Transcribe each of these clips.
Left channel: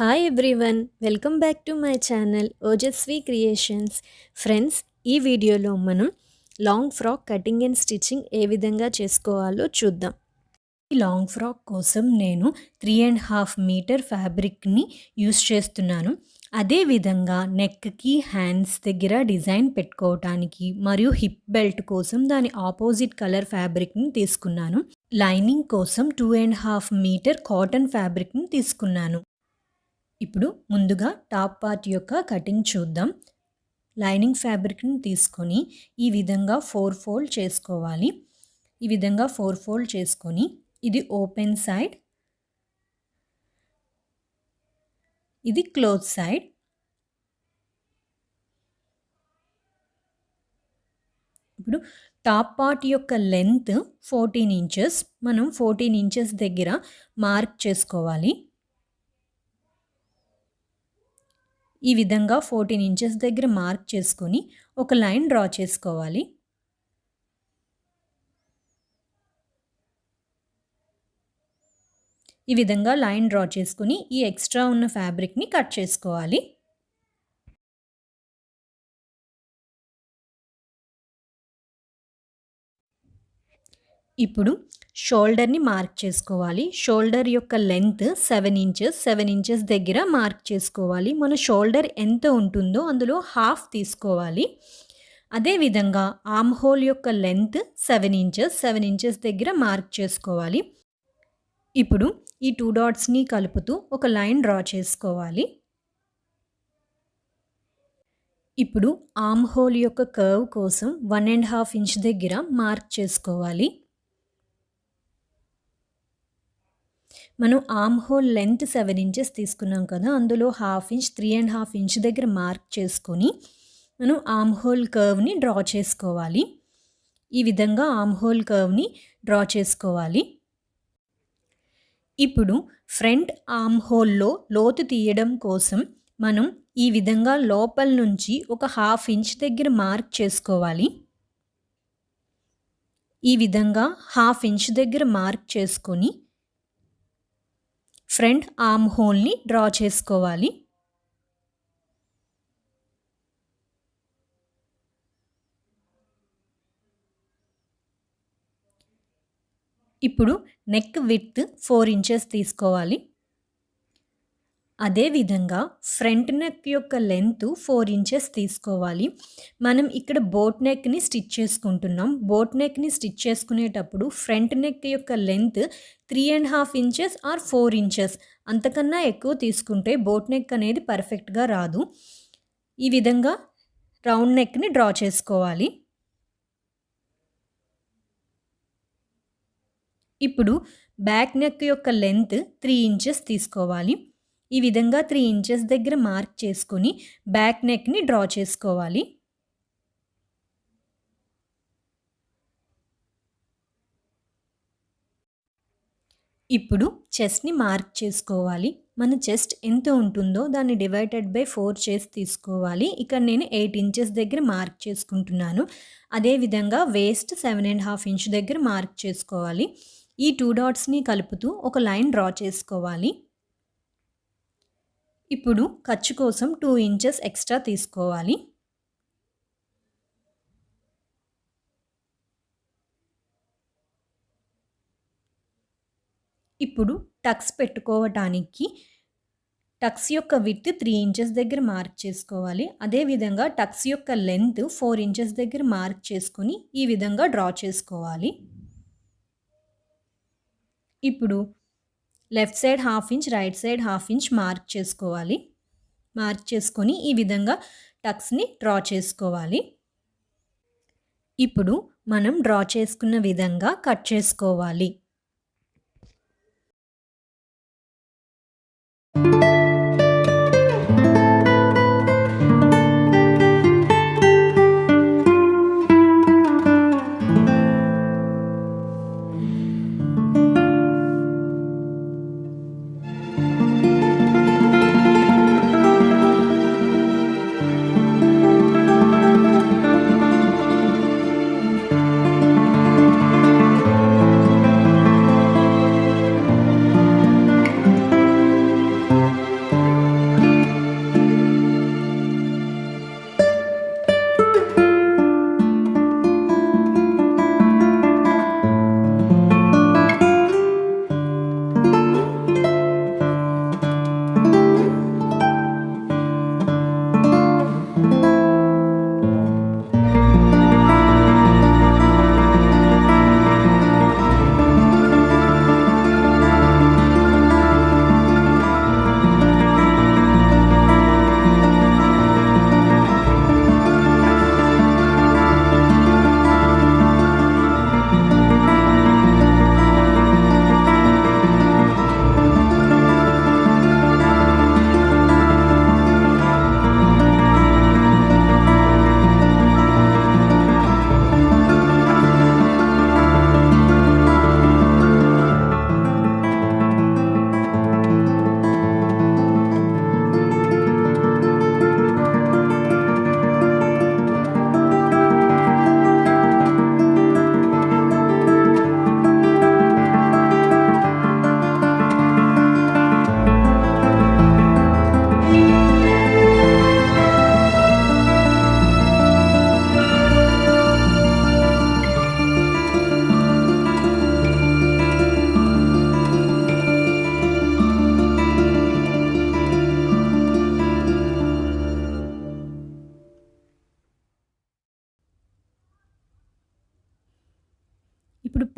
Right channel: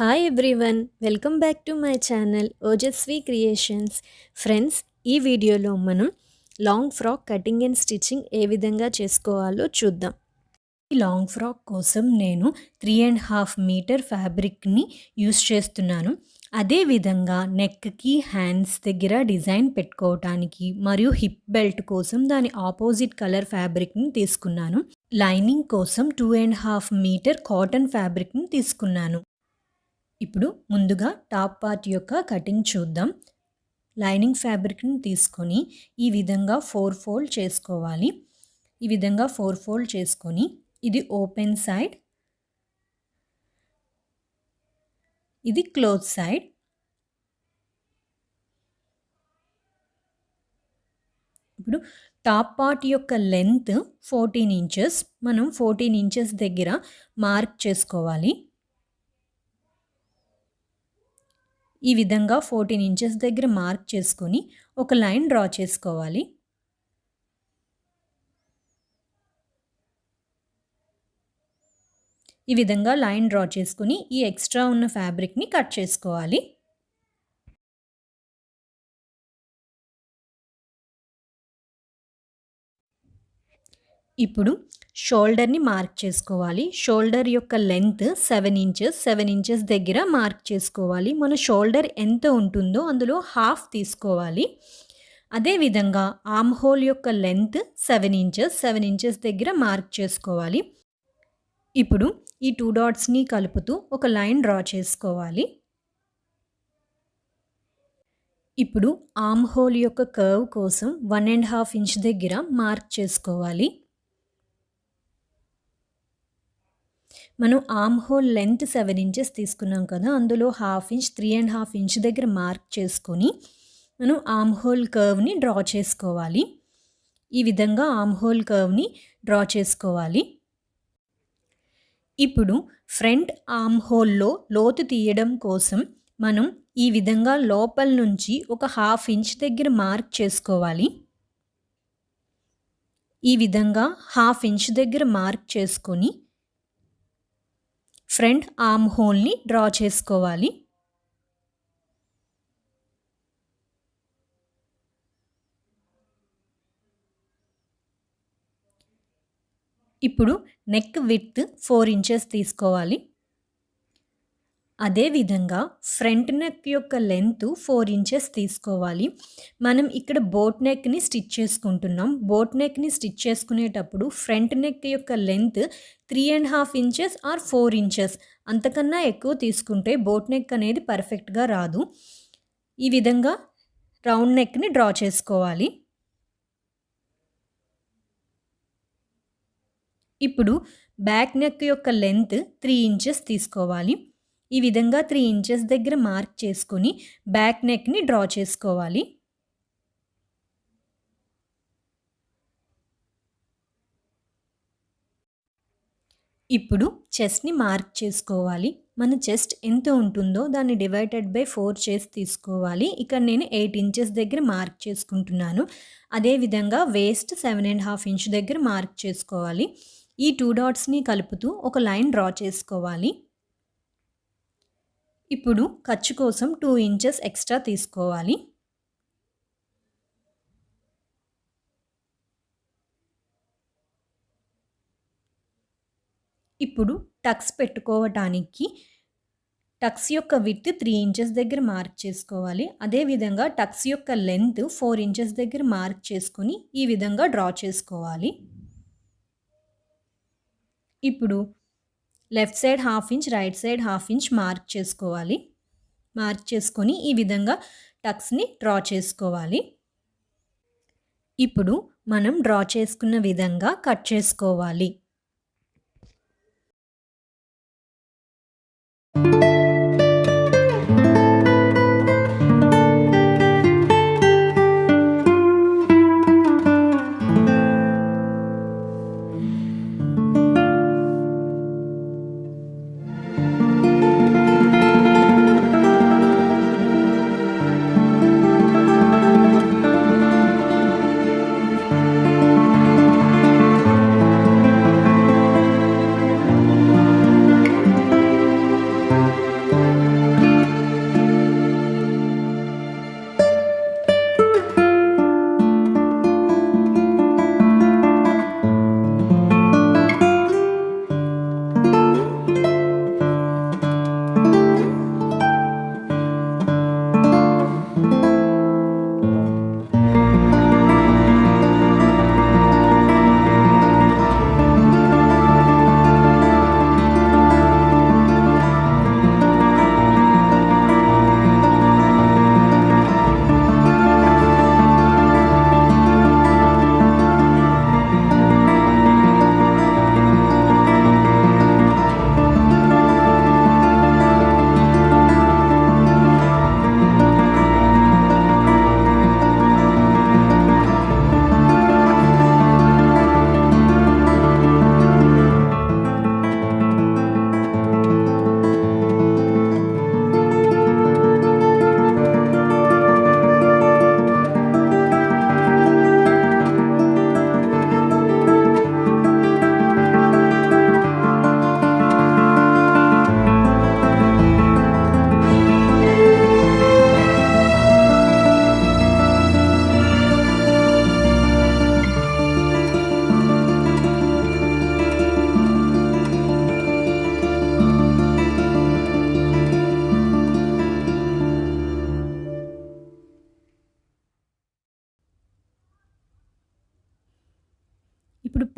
Hi everyone, welcome back to my channel Ojaswi creations. Friends, ఈ వీడియోలో మనం long frock cutting and stitching ఏ విధంగా చేసుకోవాలో చూద్దాం. ఈ లాంగ్ ఫ్రాక్ కోసం నేను 3.5 మీటర్ ఫ్యాబ్రిక్ని యూస్ చేస్తున్నాను. అదేవిధంగా నెక్కి, హ్యాండ్స్ దగ్గర డిజైన్ పెట్టుకోవటానికి మరియు హిప్ బెల్ట్ కోసం దాని ఆపోజిట్ కలర్ ఫ్యాబ్రిక్ని తీసుకున్నాను. లైనింగ్ కోసం 2.5 మీటర్ కాటన్ ఫ్యాబ్రిక్ని తీసుకున్నాను. ఇప్పుడు ముందుగా టాప్ పార్ట్ యొక్క కటింగ్ చూద్దాం. లైనింగ్ ఫ్యాబ్రిక్ని తీసుకొని ఈ విధంగా 4 ఫోల్డ్ చేసుకోవాలి. ఈ విధంగా 4 ఫోల్డ్ చేసుకొని ఇది ఓపెన్ సైడ్, ఇది క్లోజ్ సైడ్. ఇప్పుడు టాప్ పార్ట్ యొక్క లెంత్ 14 ఇంచెస్. మనం 14 ఇంచెస్ దగ్గర మార్క్ చేసుకోవాలి. ఈ విధంగా 14 ఇంచెస్ దగ్గర మార్క్ చేసుకొని ఒక లైన్ డ్రా చేసుకోవాలి. ఈ విధంగా లైన్ డ్రా చేసుకొని ఈ ఎక్స్ట్రా ఉన్న ఫ్యాబ్రిక్ని కట్ చేసుకోవాలి. ఇప్పుడు షోల్డర్ని మార్క్ చేసుకోవాలి. షోల్డర్ యొక్క లెంత్ 7 ఇంచెస్. 7 ఇంచెస్ దగ్గర మార్క్ చేసుకోవాలి. మన షోల్డర్ ఎంత ఉంటుందో అందులో హాఫ్ తీసుకోవాలి. అదేవిధంగా ఆర్మ్ హోల్ యొక్క లెంత్ 7 ఇంచెస్. 7 ఇంచెస్ దగ్గర మార్క్ చేసుకోవాలి. ఇప్పుడు ఈ 2 డాట్స్ని కలుపుతూ ఒక లైన్ డ్రా చేసుకోవాలి. ఇప్పుడు ఆర్మ్ హోల్ యొక్క కర్వ్ కోసం 1.5 ఇంచ్ దగ్గర మార్క్ చేసుకోవాలి. మనం ఆర్మ్ హోల్ లెంత్ 7 ఇంచెస్ తీసుకున్నాం కదా, అందులో హాఫ్ ఇంచ్ 3.5 ఇంచ్ దగ్గర మార్క్ చేసుకొని మనం ఆర్మ్ హోల్ కర్వ్ని డ్రా చేసుకోవాలి. ఈ విధంగా ఆర్మ్ హోల్ కర్వ్ని డ్రా చేసుకోవాలి. ఇప్పుడు ఫ్రంట్ ఆర్మ్ హోల్లో లోతు తీయడం కోసం మనం ఈ విధంగా లోపల నుంచి ఒక హాఫ్ ఇంచ్ దగ్గర మార్క్ చేసుకోవాలి. ఈ విధంగా హాఫ్ ఇంచ్ దగ్గర మార్క్ చేసుకొని ఫ్రంట్ ఆర్మ్ హోల్ని డ్రా చేసుకోవాలి. ఇప్పుడు నెక్ విడ్త్ 4 ఇంచెస్ తీసుకోవాలి. అదేవిధంగా ఫ్రంట్ నెక్ యొక్క లెంత్ 4 ఇంచెస్ తీసుకోవాలి. మనం ఇక్కడ బోట్ నెక్ని స్టిచ్ చేసుకుంటున్నాం. బోట్ నెక్ని స్టిచ్ చేసుకునేటప్పుడు ఫ్రంట్ నెక్ యొక్క లెంత్ 3.5 ఇంచెస్ ఆర్ 4 ఇంచెస్ అంతకన్నా ఎక్కువ తీసుకుంటే బోట్ నెక్ అనేది పర్ఫెక్ట్గా రాదు. ఈ విధంగా రౌండ్ నెక్ని డ్రా చేసుకోవాలి. ఇప్పుడు బ్యాక్ నెక్ యొక్క లెంత్ 3 ఇంచెస్ తీసుకోవాలి. ఈ విధంగా 3 ఇంచెస్ దగ్గర మార్క్ చేసుకొని బ్యాక్ నెక్ని డ్రా చేసుకోవాలి. ఇప్పుడు చెస్ట్ని మార్క్ చేసుకోవాలి. మన చెస్ట్ ఎంత ఉంటుందో దాన్ని డివైడెడ్ బై 4 చేసి తీసుకోవాలి. ఇక్కడ నేను 8 ఇంచెస్ దగ్గర మార్క్ చేసుకుంటున్నాను. అదేవిధంగా వేస్ట్ 7.5 ఇంచ్ దగ్గర మార్క్ చేసుకోవాలి. ఈ 2 డాట్స్ని కలుపుతూ ఒక లైన్ డ్రా చేసుకోవాలి. ఇప్పుడు ఖర్చు కోసం 2 ఇంచెస్ ఎక్స్ట్రా తీసుకోవాలి. ఇప్పుడు టక్స్ పెట్టుకోవటానికి టక్స్ యొక్క విడ్త్ 3 ఇంచెస్ దగ్గర మార్క్ చేసుకోవాలి. అదేవిధంగా టక్స్ యొక్క లెంత్ 4 ఇంచెస్ దగ్గర మార్క్ చేసుకొని ఈ విధంగా డ్రా చేసుకోవాలి. ఇప్పుడు left side half inch, right side half inch mark చేసుకోవాలి. మార్క్ చేసుకొని ఈ విధంగా టక్స్ని డ్రా చేసుకోవాలి. ఇప్పుడు మనం డ్రా చేసుకున్న విధంగా కట్ చేసుకోవాలి.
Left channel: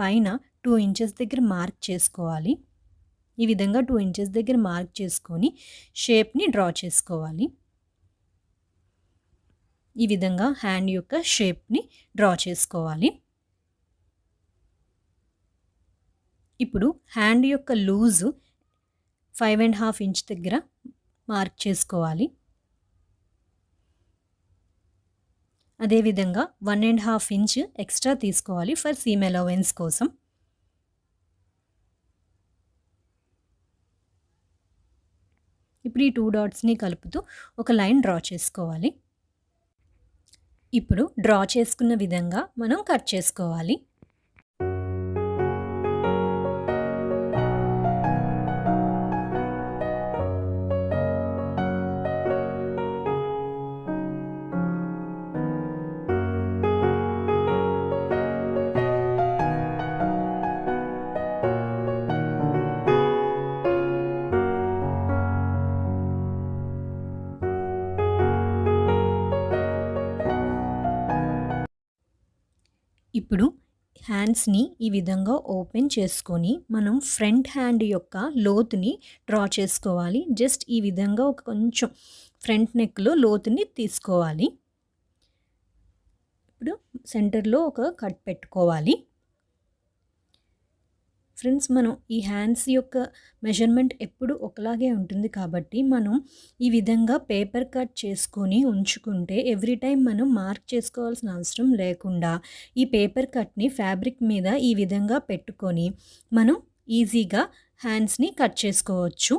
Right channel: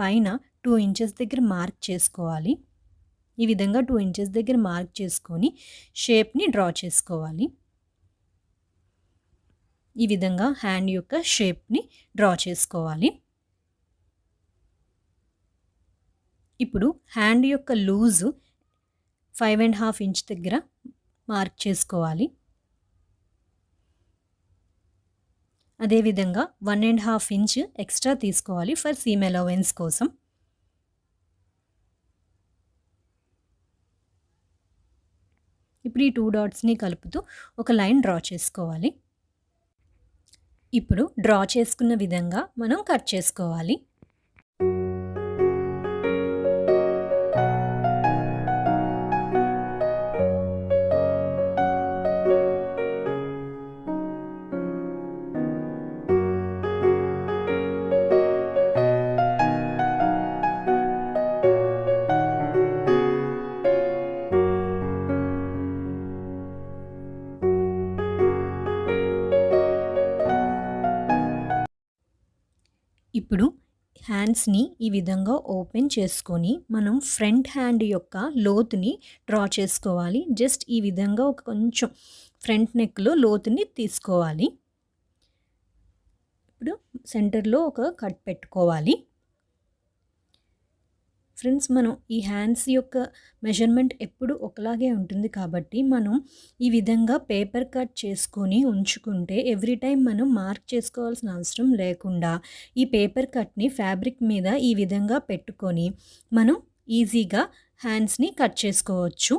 పైన 2 ఇంచెస్ దగ్గర మార్క్ చేసుకోవాలి. ఈ విధంగా 2 ఇంచెస్ దగ్గర మార్క్ చేసుకొని షేప్ని డ్రా చేసుకోవాలి. ఈ విధంగా హ్యాండ్ యొక్క షేప్ని డ్రా చేసుకోవాలి. ఇప్పుడు హ్యాండ్ యొక్క లూజు 5.5 ఇంచ్ దగ్గర మార్క్ చేసుకోవాలి. అదేవిధంగా 1.5 ఇంచ్ ఎక్స్ట్రా తీసుకోవాలి ఫర్ సీమ్ అలవెన్స్ కోసం. ఇప్పుడు ఈ 2 డాట్స్ని కలుపుతూ ఒక లైన్ డ్రా చేసుకోవాలి. ఇప్పుడు డ్రా చేసుకున్న విధంగా మనం కట్ చేసుకోవాలి. ఇప్పుడు హ్యాండ్స్ని ఈ విధంగా ఓపెన్ చేసుకొని మనం ఫ్రంట్ హ్యాండ్ యొక్క లోతుని డ్రా చేసుకోవాలి. జస్ట్ ఈ విధంగా ఒక కొంచెం ఫ్రంట్ నెక్లో లోతుని తీసుకోవాలి. ఇప్పుడు సెంటర్లో ఒక కట్ పెట్టుకోవాలి. ఫ్రెండ్స్, మనం ఈ హ్యాండ్స్ యొక్క మెజర్మెంట్ ఎప్పుడు ఒకలాగే ఉంటుంది కాబట్టి మనం ఈ విధంగా పేపర్ కట్ చేసుకొని ఉంచుకుంటే ఎవ్రీ టైం మనం మార్క్ చేసుకోవాల్సిన అవసరం లేకుండా ఈ పేపర్ కట్ని ఫ్యాబ్రిక్ మీద ఈ విధంగా పెట్టుకొని మనం ఈజీగా హ్యాండ్స్ని కట్ చేసుకోవచ్చు.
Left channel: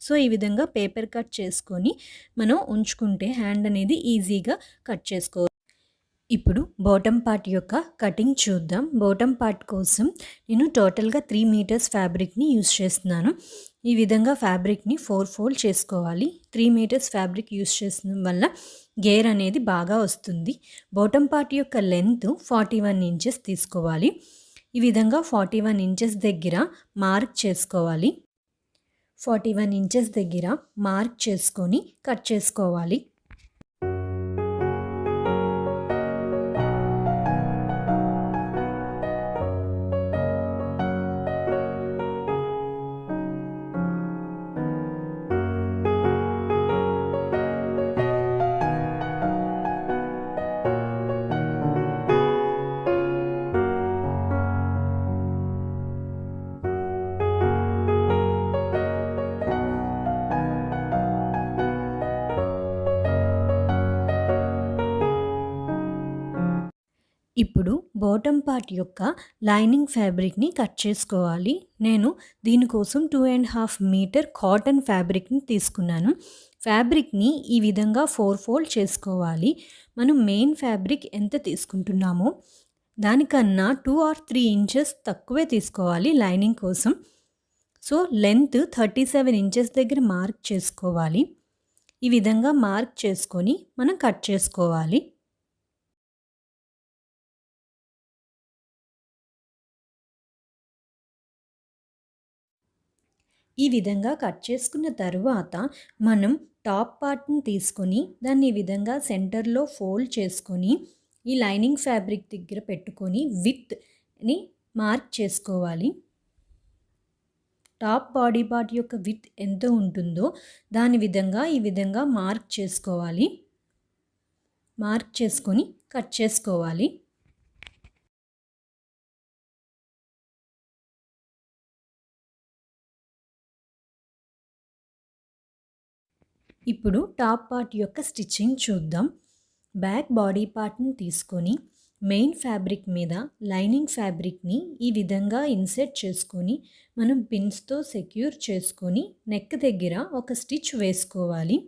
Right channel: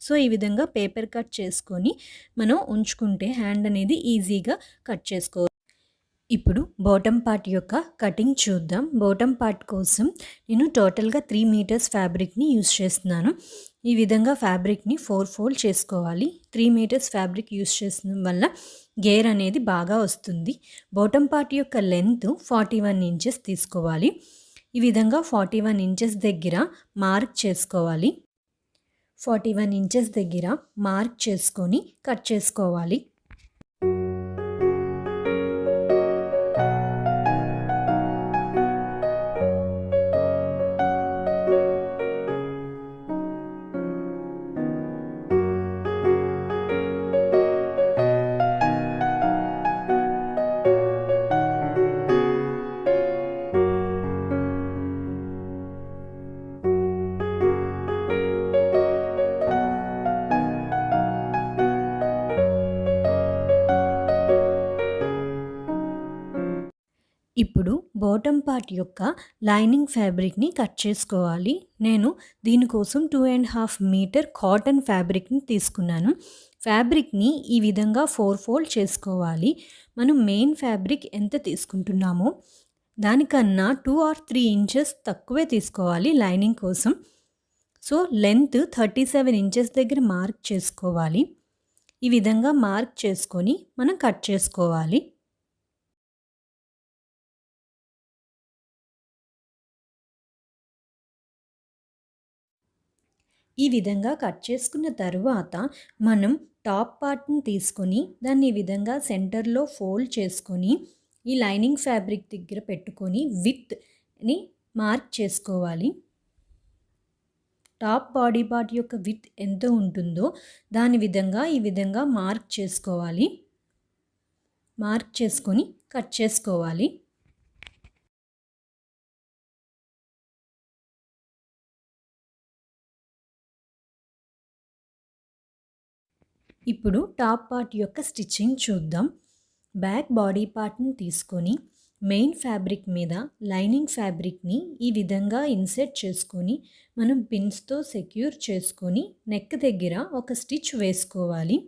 సో ఈ విధంగా పేపర్ కట్ చేసుకొని మనం ఉంచుకుంటే హ్యాండ్ అనేది ఈజీగా కట్ చేసుకోవచ్చు. ఇప్పుడు బాటమ్ పార్ట్ యొక్క కటింగ్ చూద్దాం. బాటమ్ పార్ట్ కోసం నేను టోటల్గా 3 మీటర్స్ ఫ్యాబ్రిక్ని యూస్ చేస్తున్నాను. ఈ విధంగా ఫ్యాబ్రిక్ని 4 ఫోల్డ్ చేసుకోవాలి. 3 మీటర్స్ ఫ్యాబ్రిక్ యూస్ చేసిన వల్ల గేర్ అనేది బాగా వస్తుంది. బాటమ్ పార్ట్ యొక్క లెంత్ 41 ఇంచెస్ తీసుకోవాలి. ఈ విధంగా 41 ఇంచెస్ దగ్గర మార్క్ చేసుకోవాలి. 41 ఇంచెస్ దగ్గర మార్క్ చేసుకొని కట్ చేసుకోవాలి. ఇప్పుడు బాటమ్ పార్ట్ యొక్క లైనింగ్ ఫ్యాబ్రిక్ని కట్ చేసుకోవాలి. నేను దీనికోసం 2.5 మీటర్ కాటన్ ఫ్యాబ్రిక్ని తీసుకున్నాను. ఫ్యాబ్రిక్ని ఈ విధంగా 4 ఫోల్డ్ చేసుకోవాలి. మనం మెయిన్ ఫ్యాబ్రిక్ ఎంత తీసుకుంటున్నామో దానికన్నా 2 or 3 ఇంచెస్ తక్కువే తీసుకోవాలి లైనింగ్ కోసం. సో లెంత్ 37 ఇంచెస్ దగ్గర మార్క్ చేసుకోవాలి. ఈ విధంగా మార్క్ చేసుకొని మనం కట్ చేసుకోవాలి. ఈ విధంగా కట్ చేసుకున్న తరువాత మనం టాప్ పార్ట్ని తీసుకొని దాన్ని ఈ విధంగా సెంటర్లో ఫోల్డ్ చేసుకొని ఈ లైనింగ్ ఫ్యాబ్రిక్ దగ్గర పెట్టుకొని విత్ని మార్క్ చేసుకోవాలి. టాప్ బాడీ పార్ట్ యొక్క విత్ ఎంత ఉంటుందో దాని విధంగా ఈ విధంగా మార్క్ చేసుకోవాలి. మార్క్ చేసుకొని కట్ చేసుకోవాలి. ఇప్పుడు టాప్ పార్ట్ యొక్క స్టిచ్చింగ్ చూద్దాం. బ్యాక్ బాడీ పార్ట్ని తీసుకొని మెయిన్ ఫ్యాబ్రిక్ మీద లైనింగ్ ఫ్యాబ్రిక్ని ఈ విధంగా ఇన్సెట్ చేసుకొని మనం పిన్స్తో సెక్యూర్ చేసుకొని నెక్ దగ్గర ఒక స్టిచ్ వేసుకోవాలి.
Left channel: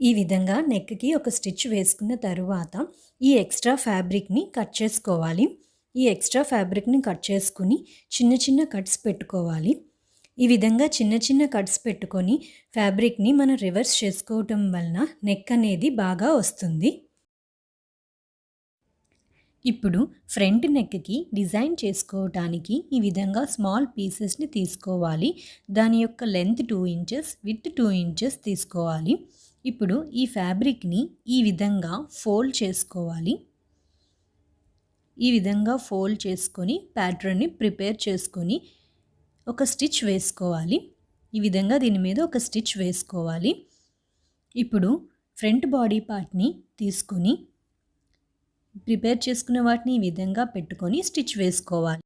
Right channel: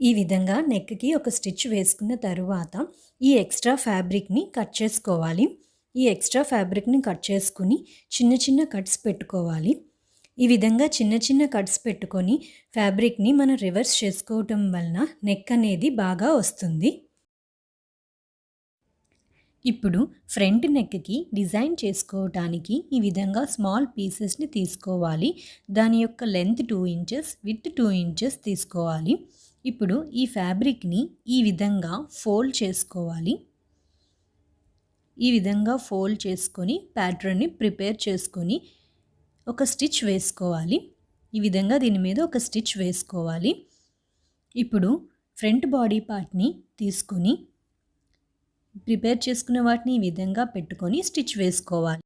ఈ విధంగా నెక్కి ఒక స్టిచ్ వేసుకున్న తరువాత ఈ ఎక్స్ట్రా ఫ్యాబ్రిక్ని కట్ చేసుకోవాలి. ఈ ఎక్స్ట్రా ఫ్యాబ్రిక్ని కట్ చేసుకుని చిన్న చిన్న కట్స్ పెట్టుకోవాలి. ఈ విధంగా చిన్న చిన్న కట్స్ పెట్టుకొని ఫ్యాబ్రిక్ని మనం రివర్స్ చేసుకోవటం వలన నెక్ అనేది బాగా వస్తుంది. ఇప్పుడు ఫ్రంట్ నెక్కి డిజైన్ చేసుకోవటానికి ఈ విధంగా స్మాల్ పీసెస్ని తీసుకోవాలి. దాని యొక్క లెంత్ 2 ఇంచెస్, విడ్త్ 2 ఇంచెస్ తీసుకోవాలి. ఇప్పుడు ఈ ఫ్యాబ్రిక్ని ఈ విధంగా ఫోల్డ్ చేసుకోవాలి. ఈ విధంగా ఫోల్డ్ చేసుకొని ప్యాటర్న్ని ప్రిపేర్ చేసుకొని ఒక స్టిచ్ వేసుకోవాలి. ఈ విధంగా దీని మీద ఒక స్టిచ్ వేసుకోవాలి. ఇప్పుడు ఫ్రంట్ బాడీ పార్ట్ని తీసుకొని ప్రిపేర్ చేసుకున్న వాటిని ఈ విధంగా పెట్టుకొని స్టిచ్ వేసుకోవాలి.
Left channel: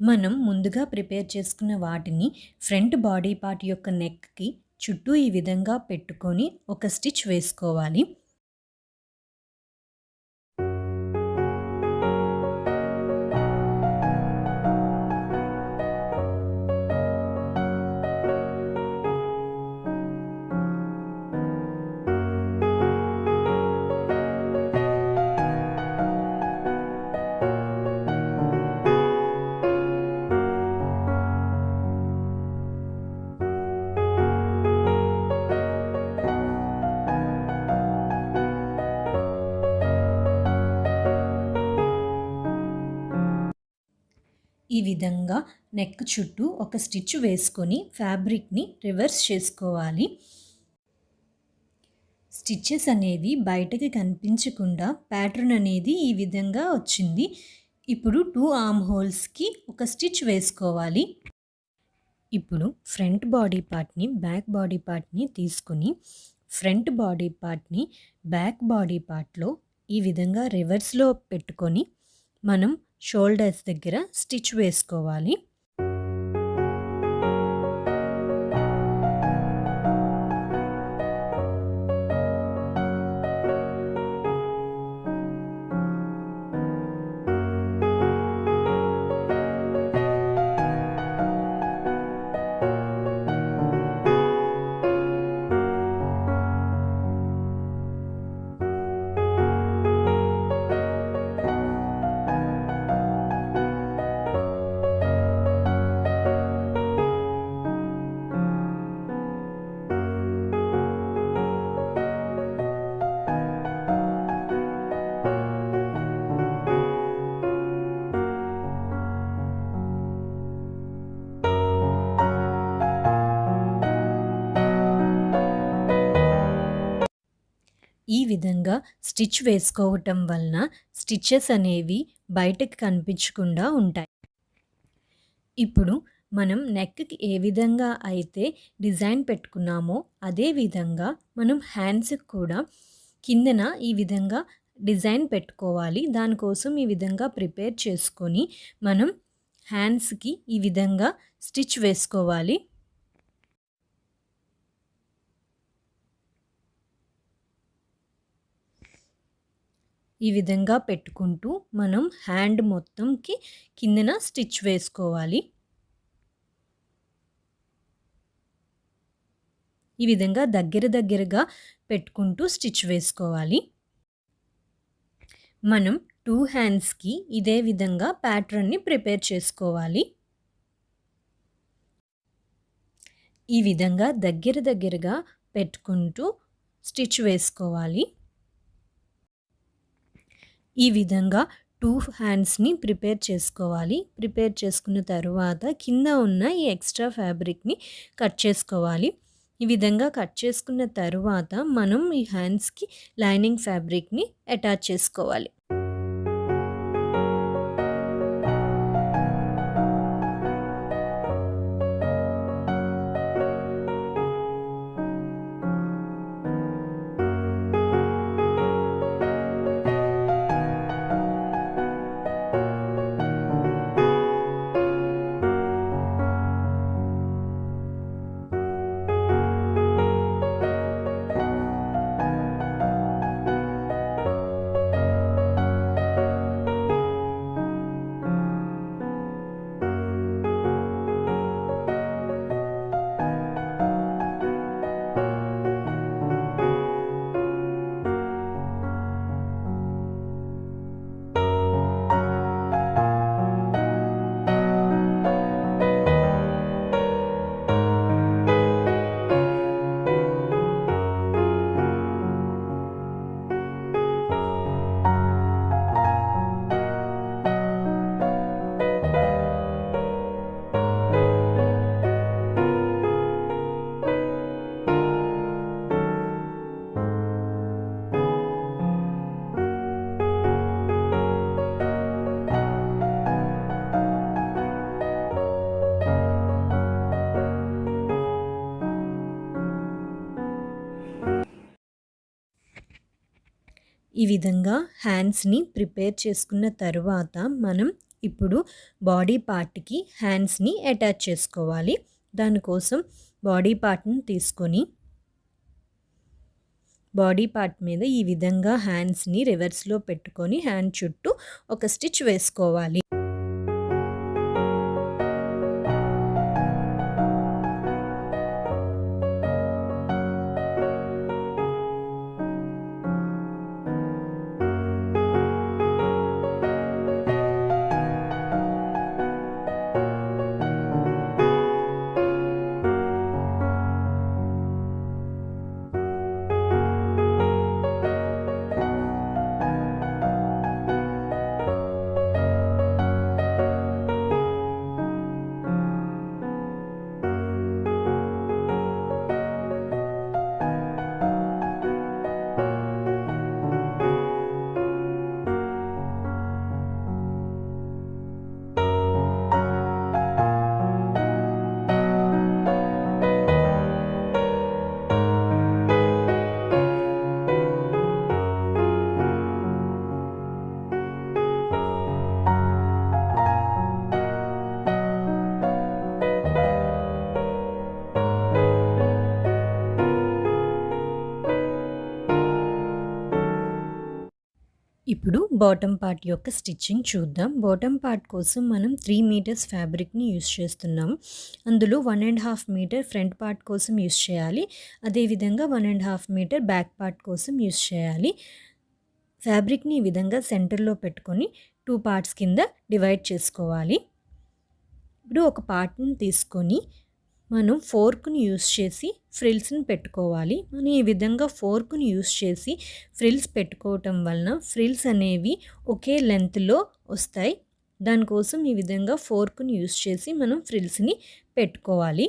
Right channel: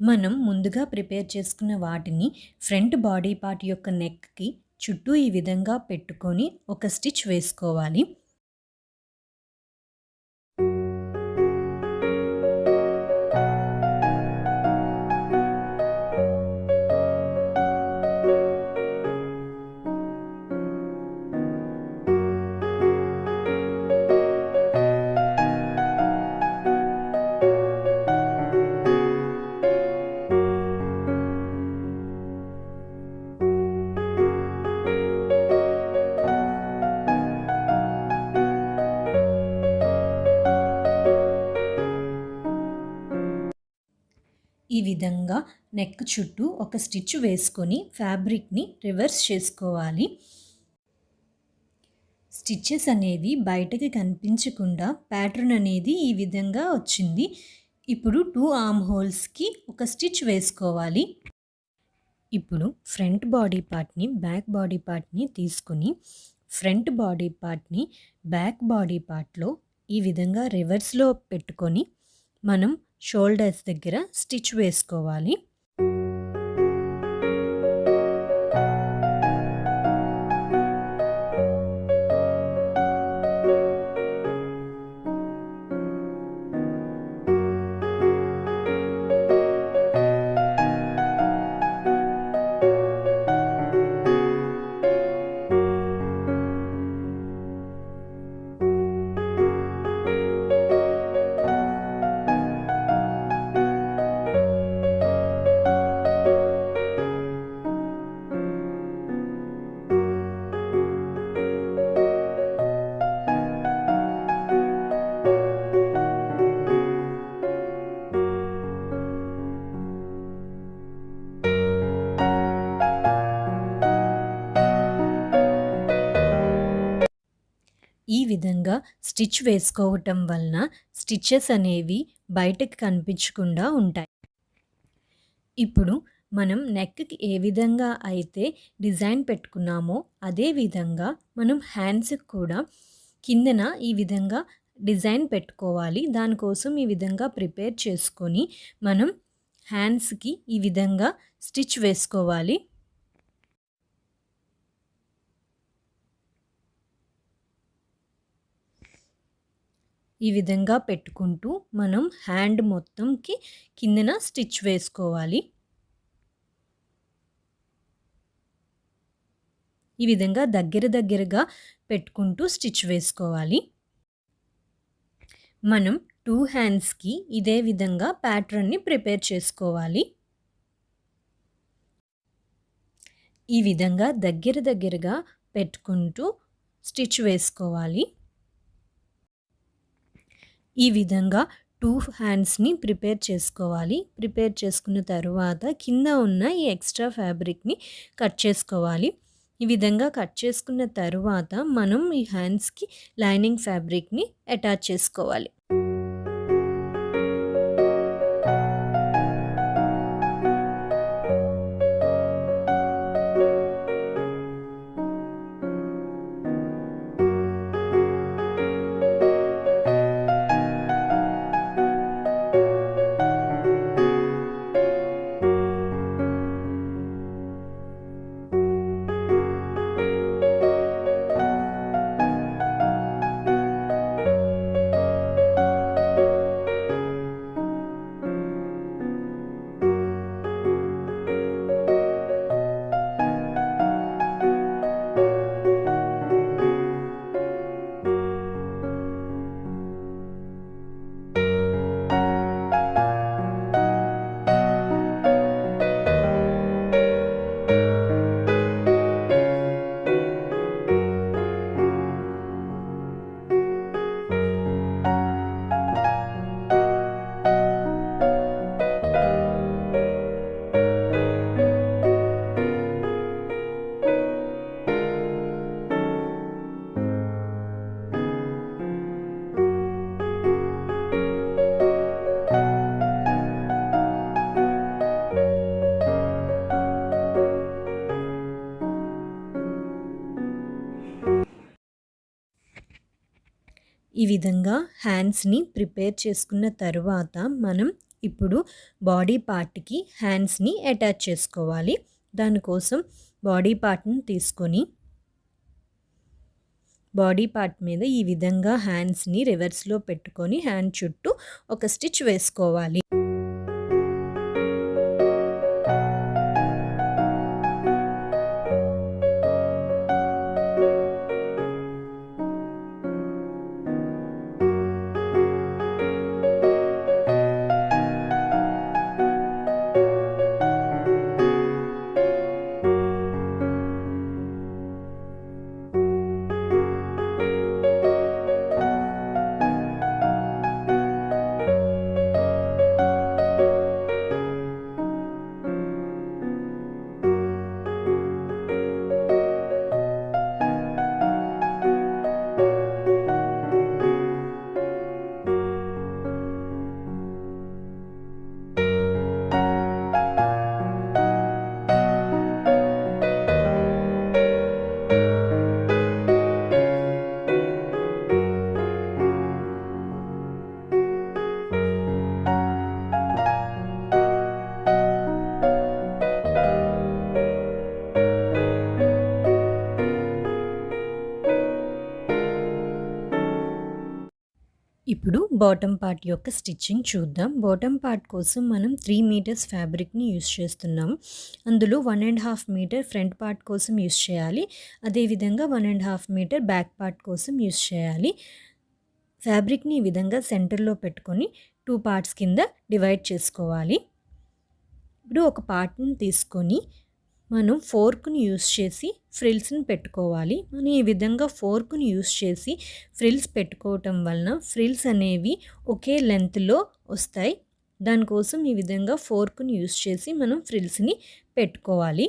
మనం ముందుగా ప్రిపేర్ చేసుకున్న వాటిని ఫ్రంట్ బాడీ పార్ట్ యొక్క నెక్కి చుట్టూ ఈ విధంగా పెట్టుకొని ఒక స్టిచ్ వేసుకోవాలి. ఈ విధంగా నెక్ చుట్టూ ఒక స్టిచ్ వేసుకొని ఫ్యాబ్రిక్ని రివర్స్ చేసుకోవాలి. స్టిచ్చెస్ అనేవి బయటకి కనిపించకుండా ప్యాటర్న్ అనేది ఈ విధంగా వచ్చింది. ఇప్పుడు 2 ఆర్మ్ హోల్స్కి ఒక స్టిచ్ వేసుకోవాలి. ఇప్పుడు ఫ్రంట్ బాడీ పార్ట్ని బ్యాక్ బాడీ పార్ట్ని తీసుకుని ఫ్రంట్ బాడీ పార్ట్ని బ్యాక్ బాడీ పార్ట్లో ఈ విధంగా రివర్స్లో పెట్టుకొని మనం షోల్డర్స్ దగ్గర స్టిచ్ వేసుకోవాలి. ఈ విధంగా స్టిచ్ వేసుకోవటం వలన స్టిచ్చెస్ అనేవి బయటకు కనిపించకుండా ఉంటాయి. ఇప్పుడు మనం నెక్కి ఏ విధంగా అయితే డిజైన్ పెట్టుకున్నామో అదే విధంగా మనం హ్యాండ్స్కి కూడా కిందన ఈ విధంగా డిజైన్ పెట్టుకోవాలి. దానికోసం ఈ విధంగా ప్రిపేర్ చేసుకొని మనం హ్యాండ్స్కి ఈ విధంగా స్టిచ్ వేసుకోవాలి. ఈ విధంగా పెట్టుకుంటూ మనం హ్యాండ్ మొత్తంకి కిందన స్టిచ్ వేసుకోవాలి. ఈ విధంగా దగ్గరగా పెట్టుకుంటూ స్టిచ్ వేసుకోవాలి. మనం 2 హ్యాండ్స్కి ఇదే విధంగా ప్యాటర్న్ని ప్రిపేర్ చేసుకోవాలి. ఈ విధంగా దగ్గరగా పెట్టుకుంటూ స్టిచ్ వేసుకోవాలి. ఈ విధంగా 2 హ్యాండ్స్ని ప్రిపేర్ చేసుకోవాలి. ప్రిపేర్ చేసుకున్న తర్వాత కింద ఉన్న ఈ ఎక్స్ట్రా ఫ్యాబ్రిక్ని కట్ చేసుకోవాలి. ఈ విధంగా కట్ చేసుకున్న తరువాత మనం ఈ హ్యాండ్స్‌కి లైనింగ్ ఫ్యాబ్రిక్‌ని అటాచ్ చేసుకోవాలి. ఈ విధంగా హ్యాండ్స్‌ని ప్రిపేర్ చేసుకున్న తరువాత మనం ఇప్పుడు బాడీ పార్ట్‌కి హ్యాండ్స్‌ని అటాచ్ చేసుకోవాలి. దానికోసం బాడీ పార్ట్‌ని తీసుకొని బాడీ పార్ట్ మీద ఈ విధంగా హ్యాండ్స్‌ని రివర్స్‌లో పెట్టుకొని హ్యాండ్ చుట్టూ ఒక స్టిచ్ వేసుకోవాలి. ఇప్పుడు బాటమ్ పార్ట్ యొక్క స్టిచ్చింగ్ చూద్దాం. బాటమ్ పార్ట్ కోసం మనం 3 మీటర్స్ ఫ్యాబ్రిక్‌ని యూజ్ చేస్తున్నాం. అందులో 1½ మీటర్ ఫ్రంట్ పార్ట్ కోసం యూజ్ చేయాలి. అదేవిధంగా 1½ మీటర్ బ్యాక్ పార్ట్ కోసం యూజ్ చేయాలి. ఫ్యాబ్రిక్‌ని ఈ విధంగా సెంటర్‌లో పెట్టుకొని 2 పార్ట్స్ కింద డివైడ్ చేసుకోవాలి. ఇప్పుడు ఒక పార్ట్‌ని తీసుకొని మనం ఫోర్క్‌ని యూజ్ చేసి ఫ్రిల్స్‌ని పెట్టుకోవాలి. మనం ఈ విధంగా ఫోర్క్‌ని యూజ్ చేసి ఫ్రిల్స్ పెట్టుకోవటం వలన ఫ్రిల్స్ అనేవి ఒకే లెంత్‌లో వస్తాయి. దానికోసం ఈ విధంగా ఫోర్క్‌ని యూజ్ చేసి మనం ఫ్రిల్స్‌ని పెట్టుకోవాలి.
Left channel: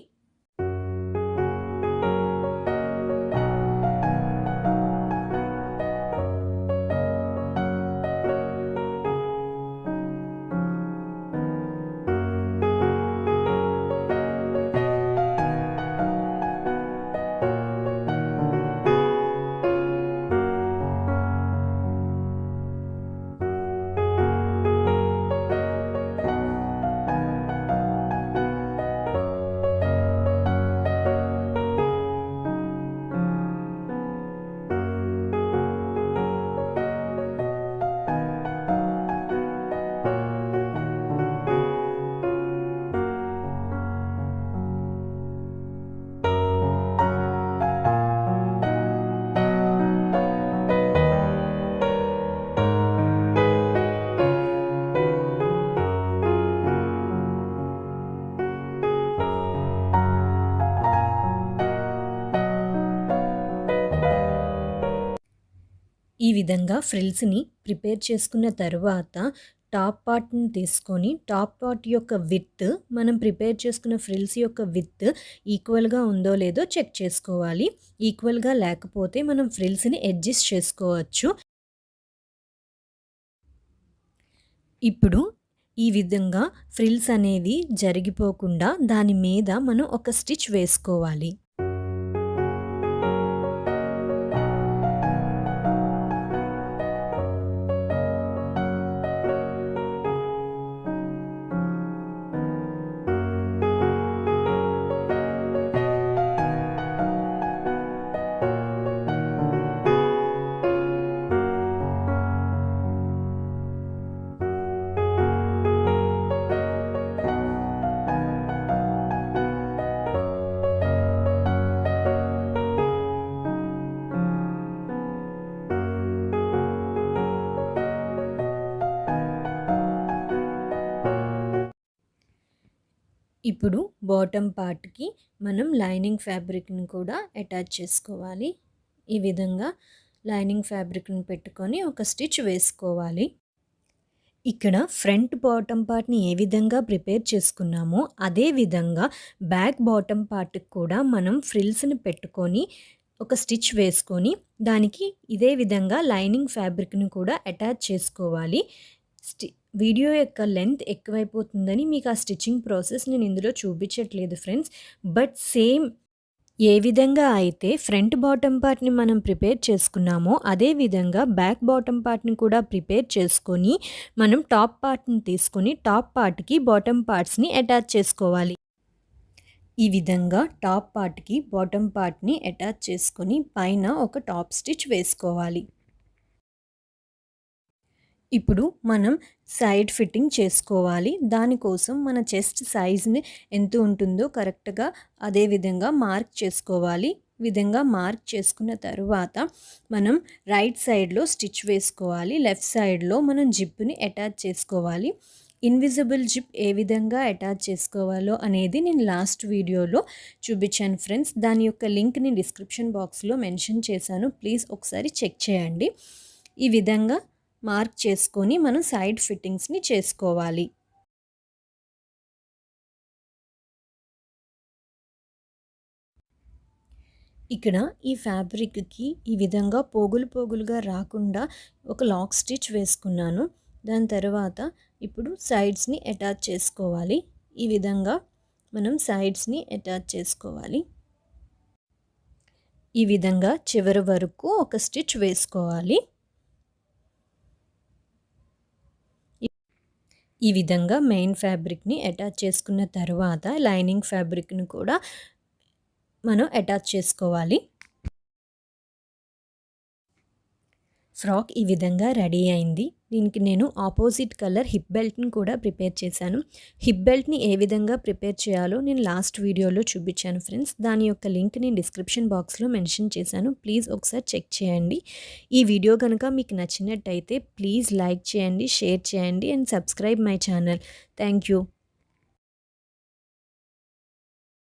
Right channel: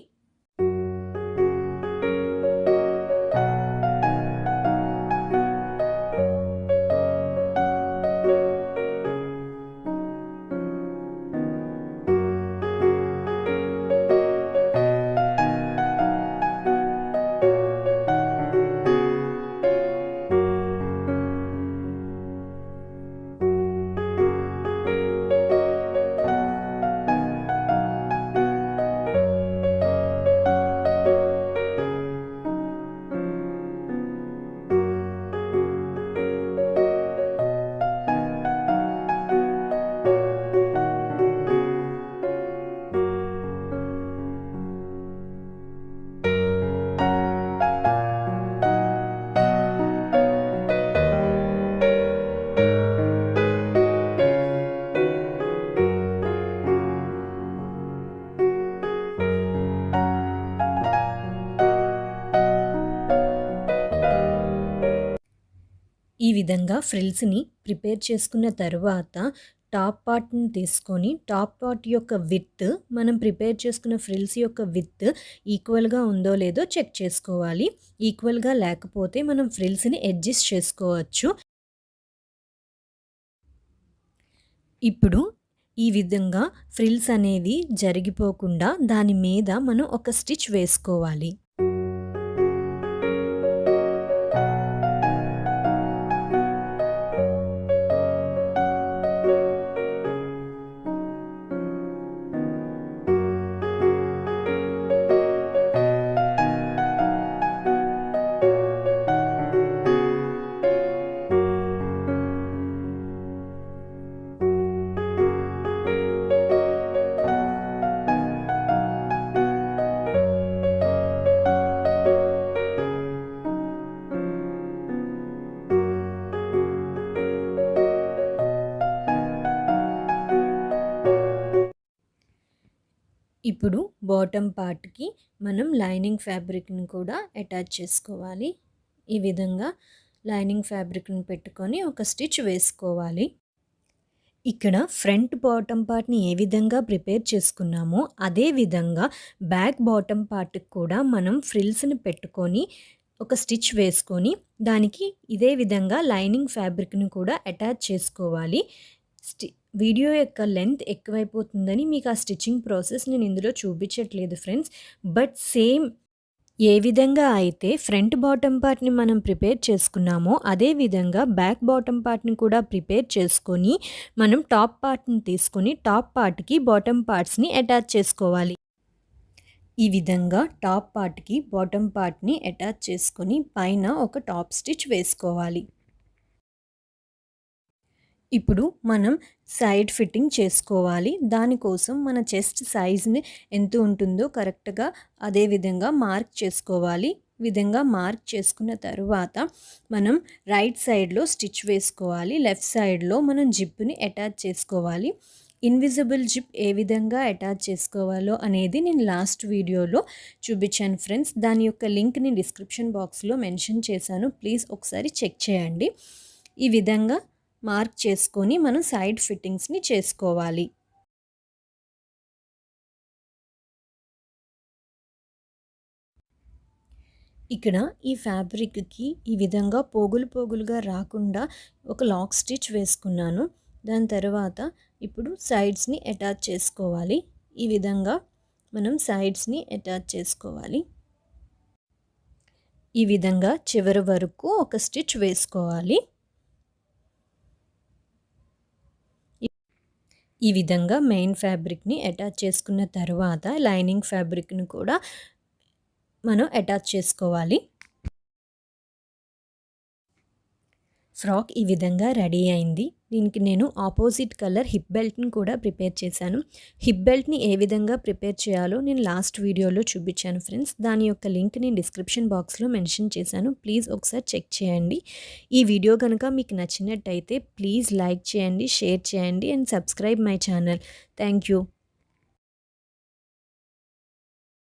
ఈ విధంగా ఫ్రిల్స్‌ని ప్రిపేర్ చేసుకున్న తరువాత టాప్ పార్ట్‌ని తీసుకొని టాప్ పార్ట్ యొక్క విడ్త్ మనం ప్రిపేర్ చేసుకున్న ఫ్రిల్స్ యొక్క విడ్త్ ఈక్వల్‌గా ఉందో లేదో చెక్ చేసుకోవాలి. ఈక్వల్‌గా లేకపోతే మనం ఫ్రిల్స్‌ని అడ్జస్ట్ చేసుకోవచ్చు. ఇప్పుడు ఈ విధంగా ఫ్రిల్స్ అనేవి జరిగిపోకుండా దాని మీద మనం ఒక స్టిచ్ వేసుకోవాలి. ఇప్పుడు బాటమ్ పార్ట్‌కి మనం లైనింగ్ ఫ్యాబ్రిక్‌ని కూడా అటాచ్ చేసుకోవాలి. ఈ విధంగా లైనింగ్ ఫ్యాబ్రిక్‌ని పెట్టుకొని ఒక స్టిచ్ వేసుకోవాలి. ఇక్కడ ఫ్రంట్ బాటమ్ పార్ట్‌ని ఏ విధంగా ప్రిపేర్ చేసుకున్నామో అదే విధంగా బ్యాక్ బాటమ్ పార్ట్‌కి కూడా మనం ఫ్రిల్స్‌ని పెట్టుకొని ఒక స్టిచ్ వేసుకొని దానికి ఇదే విధంగా లైనింగ్ ఫ్యాబ్రిక్‌ని కూడా అటాచ్ చేసుకోవాలి. వీడియో యొక్క లెంత్ ఎక్కువైపోతుందని మీకు ఆ స్టిచ్చింగ్ ప్రాసెస్ నేను ఇందులో చూపించట్లేదు ఫ్రెండ్స్. బట్ సేమ్ ఏ విధంగా అయితే ఫ్రంట్ బాటమ్ పార్ట్‌ని మనం ప్రిపేర్ చేసుకున్నామో అదే విధంగా బ్యాక్ బాటమ్ పార్ట్‌ని కూడా ప్రిపేర్ చేసుకొని మనం టాప్ పార్ట్‌ని తీసుకొని టాప్ పార్ట్‌కి బాటమ్ పార్ట్స్‌ని అటాచ్ చేసుకోవాలి. ఈ విధంగా టాప్ పార్ట్‌కి బాటమ్ పార్ట్‌ని అటాచ్ చేసుకొని పైన ఒక టాప్ స్టిచ్ వేసుకోవాలి. ఇప్పుడు మనం సైడ్ ఫిట్టింగ్ చేసుకోవాలి. దానికోసం మన చెస్ట్ సైజ్‌ని ఎంత ఉంటుందో కరెక్ట్‌గా అదే విధంగా మార్క్ చేసుకోవాలి. విధంగా మార్క్ చేసుకున్న తరువాత మనం రైట్ సైడ్‌లో స్టిచ్ వేసుకోవాలి. లెఫ్ట్ సైడ్‌లో మనం జిప్‌ని అటాచ్ చేసుకోవాలి. ఇన్విజిబుల్ జిప్ ఏ విధంగా అటాచ్ చేసుకోవాలో అనేది నేను లాస్ట్ వీడియోలో చూపించాను ఫ్రెండ్స్. దాని యొక్క లింక్‌ని డిస్క్రిప్షన్ బాక్స్‌లో మెన్షన్ చేశాను. ప్లీజ్ ఒకసారి చెక్ చేయండి. ఈ విధంగా మార్క్ చేసుకొని మనం సైడ్ ఫిట్టింగ్స్‌ని చేసుకోవాలి. ఇక్కడ ఈ ఫ్యాబ్రిక్‌కి ఈ విధంగా పోగులు పోగులుగా రాకుండా ఒక లాక్ స్టిచ్ వేసుకున్నాను. దాని తర్వాత ఇప్పుడు సైడ్స్‌ని అటాచ్ చేసుకోవాలి. ఈ విధంగా మనం సైడ్స్‌ని అటాచ్ చేసుకోవాలి. ఈ విధంగా చివరి వరకు ఒక స్టిచ్ వేసుకోవాలి. ఈ విధంగా మెయిన్ ఫ్యాబ్రిక్‌ని అటాచ్ చేసుకున్న తర్వాత లైనింగ్ ఫ్యాబ్రిక్‌ని కూడా మనం అటాచ్ చేసుకోవాలి. ఫ్రాక్ ఈ విధంగా రెడీ అయింది. దీనికి నేను ఆపోజిట్ కలర్ హిప్ బెల్ట్‌ని కూడా ప్రిపేర్ చేశాను. హిప్ బెల్ట్‌ని ఏ విధంగా ప్రిపేర్ చేయాలో నేను లాస్ట్ వీడియోలో చూపించాను ఫ్రెండ్స్. దాని యొక్క లింక్ నేను డిస్క్రిప్షన్ బాక్స్‌లో మెన్షన్ చేశాను. ప్లీజ్ ఒకసారి చెక్ చేయండి. ఈ వీడియో కనుక మీకు నచ్చినట్టయితే ప్లీజ్ లైక్ చేయండి, షేర్ చేయండి and subscribe my channel. Thank you.